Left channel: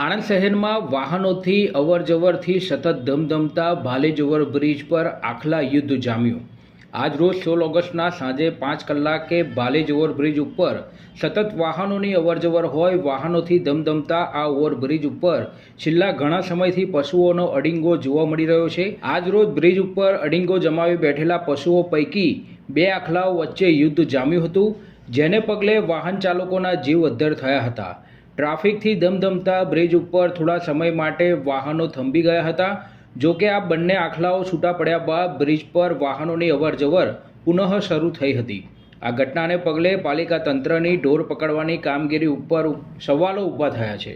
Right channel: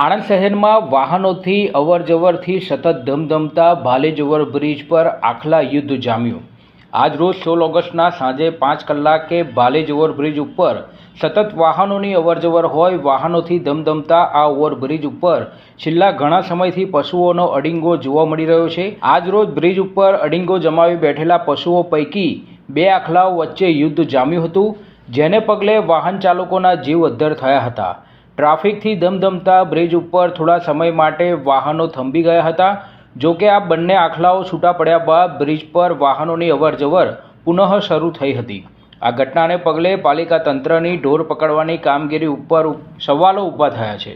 આણંદ શહેરમાં વાહનોથી અવરજવરથી સતત ધમધમતા ભાલેજ ઓવરબ્રિજ પર આખલા યુદ્ધ જામ્યું। આજ રોજ 16 ઓગસ્ટના સાંજે 5 કલાકે ભાલેજ ઓવરબ્રિજ ઉપર સતત વાહનોની અવરજવર હોય વાહનોથી ધમધમતા આ ઓવરબ્રિજ ઉપર છેલ્લા ઘણા સમયથી પશુઓનો અડીંગો જોવા મળી રહ્યો છે। આજ રોજ બ્રિજ ઉપર અડીંગો જમાવી બેઠેલા પશુઓ પૈકી 2 આખલાઓ વચ્ચે યુદ્ધ જામ્યું હતું, જેને પગલે વાહન ચાલકોના જીવ અદ્ધર થયા હતા। ટ્રાફિકથી ધમધમતા બ્રિજ ઉપર થોડા સમય માટે વાહનો થંભી ગયા હતા। જો કે આ બંને આખલાઓ છૂટા પડ્યા બાદ બ્રિજ પર વાહનોની અવરજવર પુનઃ શરૂ થઈ હતી। આ ઘટનાને પગલે પાલિકા તંત્રની ઢોર પકડવાની કામગીરી ઉપર સવાલો ઊભા થયા છે।